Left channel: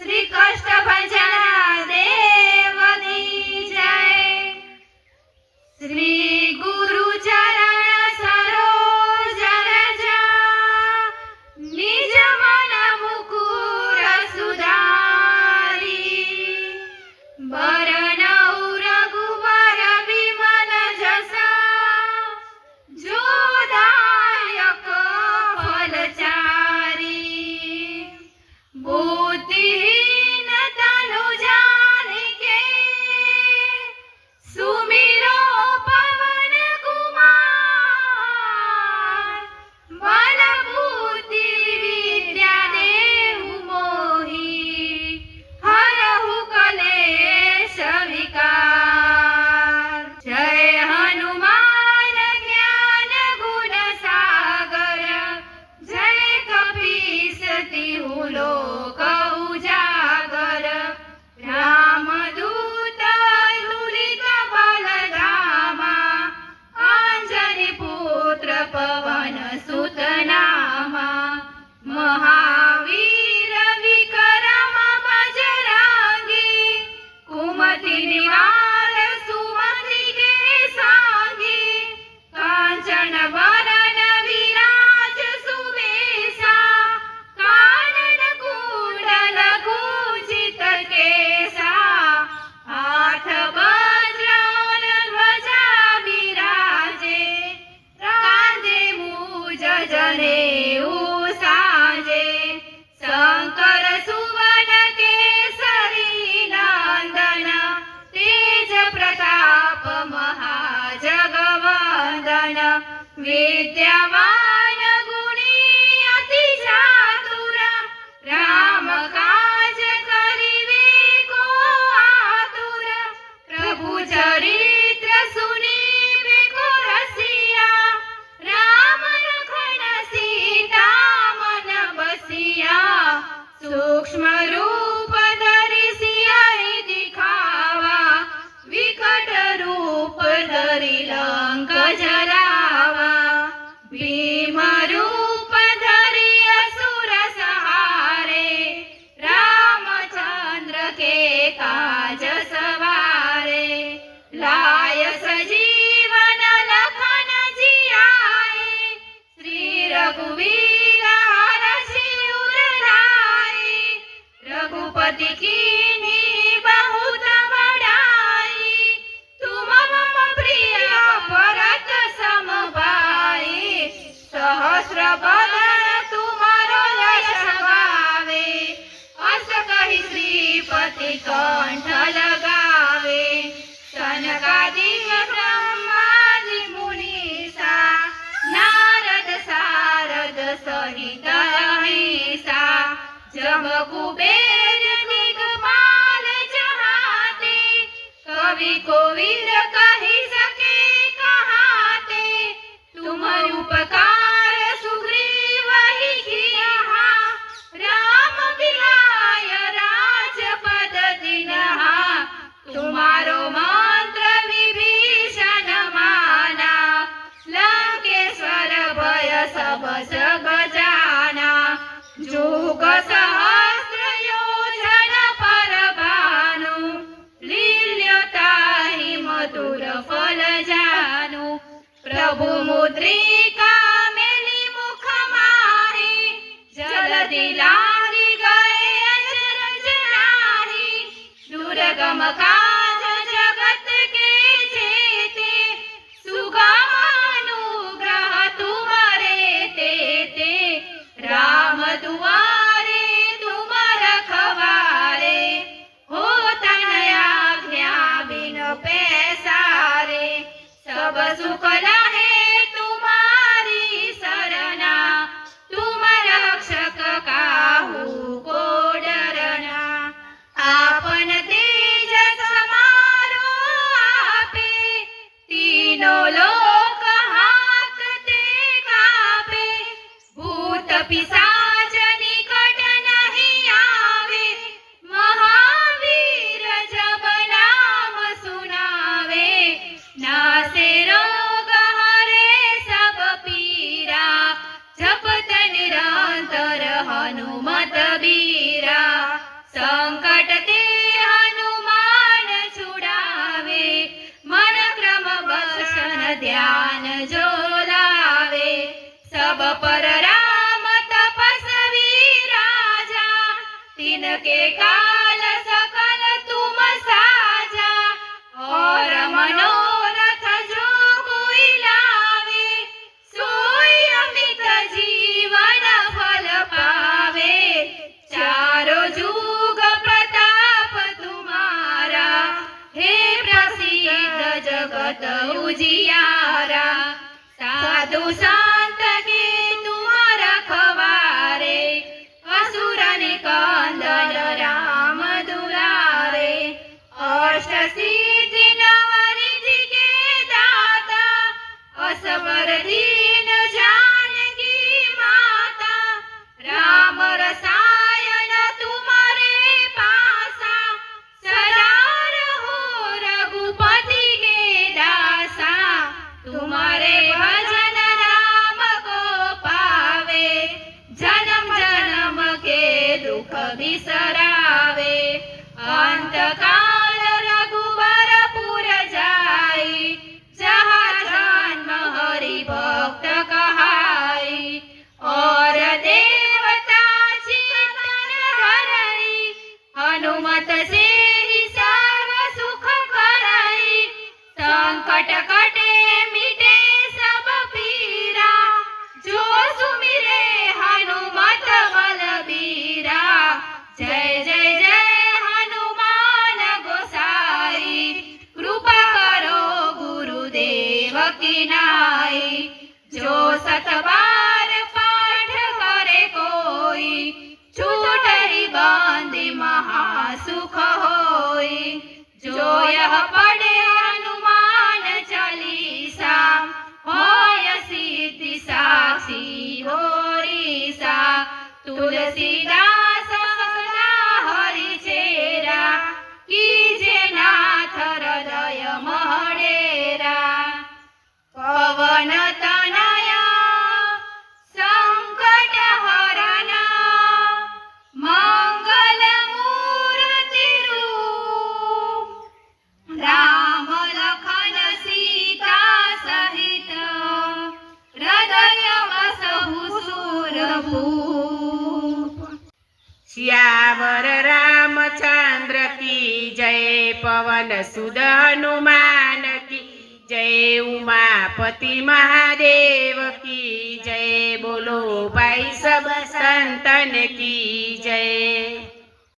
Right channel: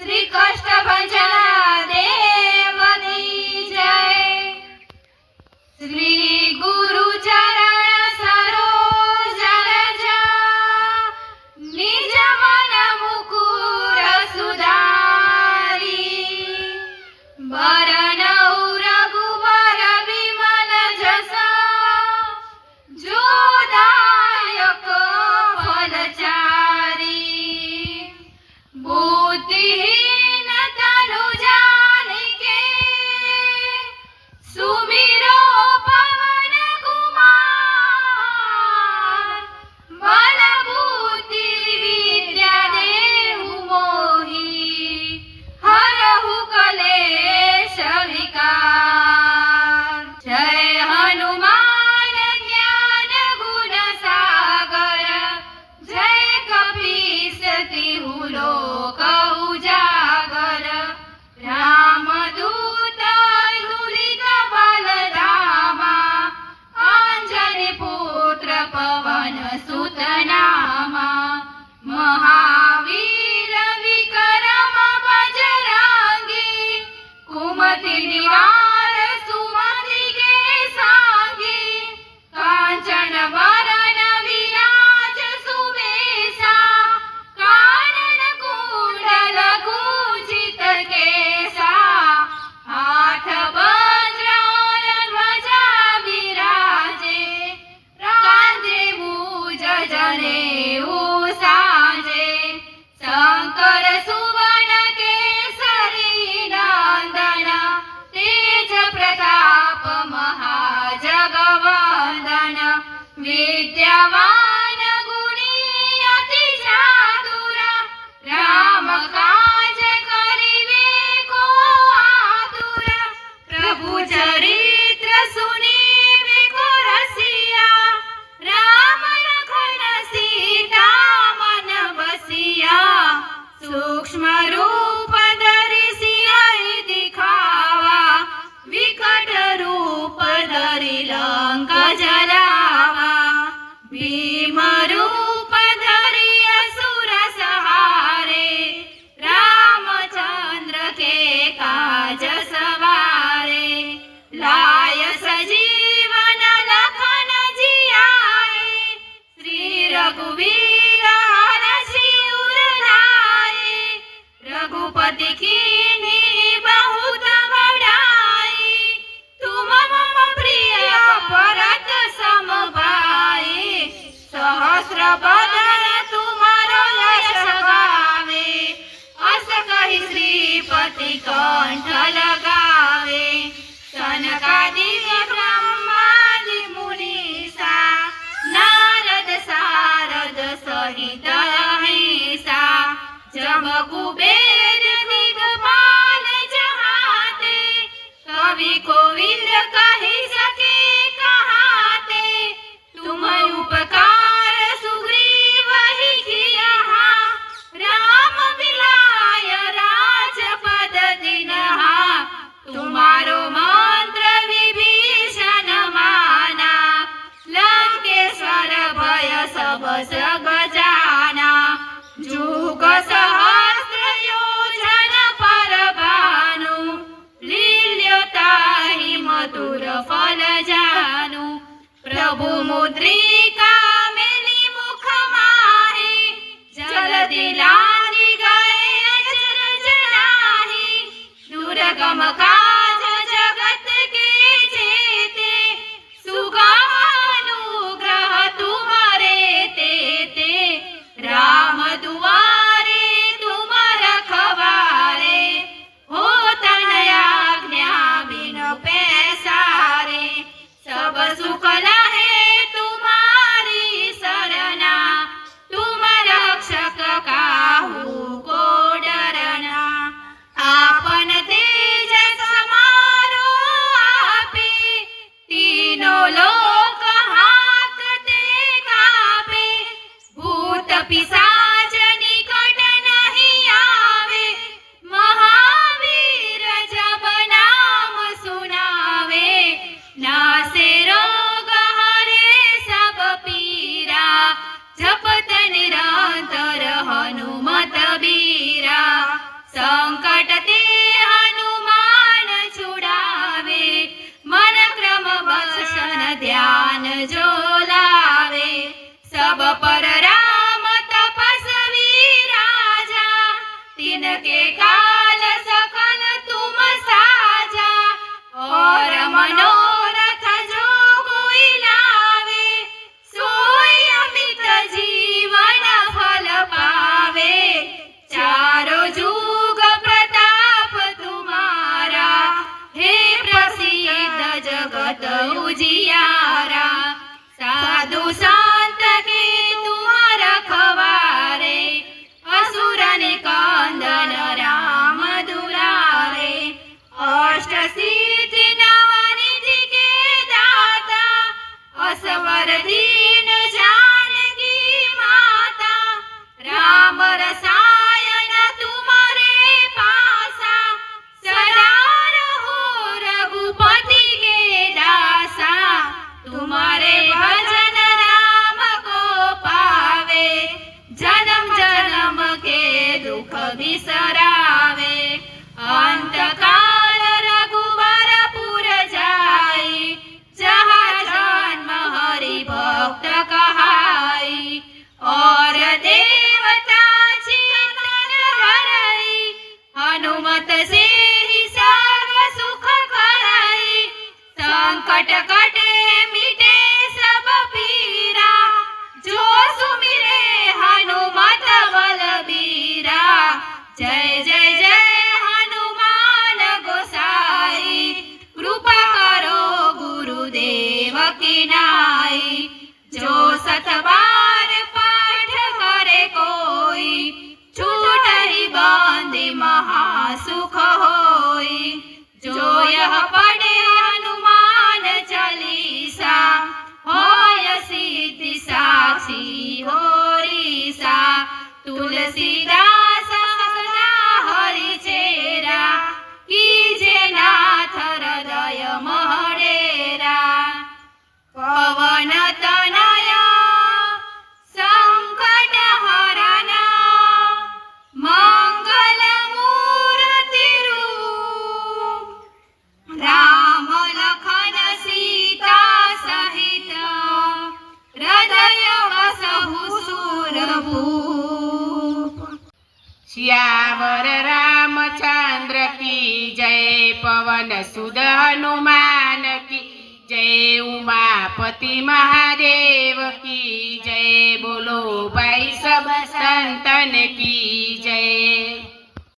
श्री कष्टभंजन देव की जय। श्री गुरु चरण सरोज रज निज मन मुकुर सुधारी। बरनौ रघुवर विमल जस जो दायक फलचारी। बुद्धिहीन तनु जानिके सुमिरो पवन कुमार। बल बुद्धि विद्या देहु मोहि हरहु कलेश विकार। जय हनुमान ज्ञान गुण सागर जय कपीस तिहु लोक उजागर। रामदूत दुलित बलधामा अंजनी पुत्र पवन सुत नामा। महावीर विक्रम बजरंगी कुमति निवार सुमति के सांगी। कांचन वरन विराज सुबेसा कानन कुंडल कुंचित केसा। हाथ वज्र ध्वजा विराजे कांधे मूज जनेऊ साजे। शंकर सुवन केसरी नंदन तेज प्रताप महाजगवंदन। विद्यावान गुणी अति चातुरा राम काज करिवे को आतुर। प्रभु चरित्र सुनिवे को रसिया राम लखन सीता मन बसिया। सूक्ष्म रूप धरि सियाहि दिखावा विकट रूप धरि लंक जरावा। भीम रूप धरि असुर सहारे रामचंद्र के काज सवारे। लाय सजीवन लखन जियाए श्री रघुवीर हरषि उर लाए। रघुपति कीन्ही बहुत बड़ाई तुम मम प्रिय भरत सम भाई। सहस्र बदन तुम्हारो यश गावे अस कहि श्रीपति कंठ लगावे। सनकादिक ब्रह्मादि मुनीसा नारद सारद सहित अहिसा। जम कुबेर दिगपाल जहाते कवि कोविद कहि सके कहाते। तुम उपकार सुग्रीव ही किया राम बिलाय राजपद दिनहा। तुम्हारो मंत्र विभीषण माना लंकेश्वर भय सब जग जाना। जुग सहस्र योजन पर भानु लील्यो ताहि मधुर फल जानु। प्रभु मुद्रिका मेली मुख माहि जल्दी लांघि गए अचरज नाही। दुर्गम काज जगत के जेते सुगम अनुग्रह तुम्हारे तेते। राम दुआरे तुम रखवारे हो तन आज्ञा बिन पैसारे। सब सुख लहे तुम्हारी सरना तुम रक्षक काहू को डरना। आपन तेज समारो आपे तीनों लोक हांकते कापे। भूत पिशाच निकट नहीं आवे महावीर जब नाम सुनावे। नासे रोग हरे सब पीरा जपत निरंतर हनुमत बीरा। तिनके काल सकल तुम साजा और मनोरथ जो कोई लावे सोई अमित जीवन फल पावे चारो जुग प्रताप तुम्हारा हे प्रसिद्ध जगत उजियारा साधु संत के तुम रखवारे असुर निकंदन राम दुलारे अष्ट सिद्धि नवनिधि के दाता असवर दीन जानकी माता राम रसायन तुम्हारे पासा सदा रहो रघुपति के दासा तुम्हारे भजन राम को पावे जन्म जन्म के दुख बिसरावे अंत काल रघुबर पुर जाई जहाँ जन्म हरि भक्त कहाई और देवता चिंतन धरई हनुमत से ही सर्व सुख करई संकट कटे मिटे सब पीरा जो सुमिरे हनुमत बलबीरा जय जय जय हनुमान गोसाई कृपा करो गुरुदेव की नाई जो सत बार पाठ करे कोई छूटहि बंदी महासुख होई जो यह पढ़े हनुमान चालीसा होय सिद्धि साक्षी होरीसा तुलसीदास सदा हरि चेरा कीजे नाथ हृदय महडेरा पवन तनया संकट हरना मंगल मूर्ति रूप राम लखन सीता सहित हृदय वसहु सुरभूप सियावर रामचंद्र की जय पवन सुत हनुमान की जय उमापति महादेव की जय बोलो भाई सब संतन की जय।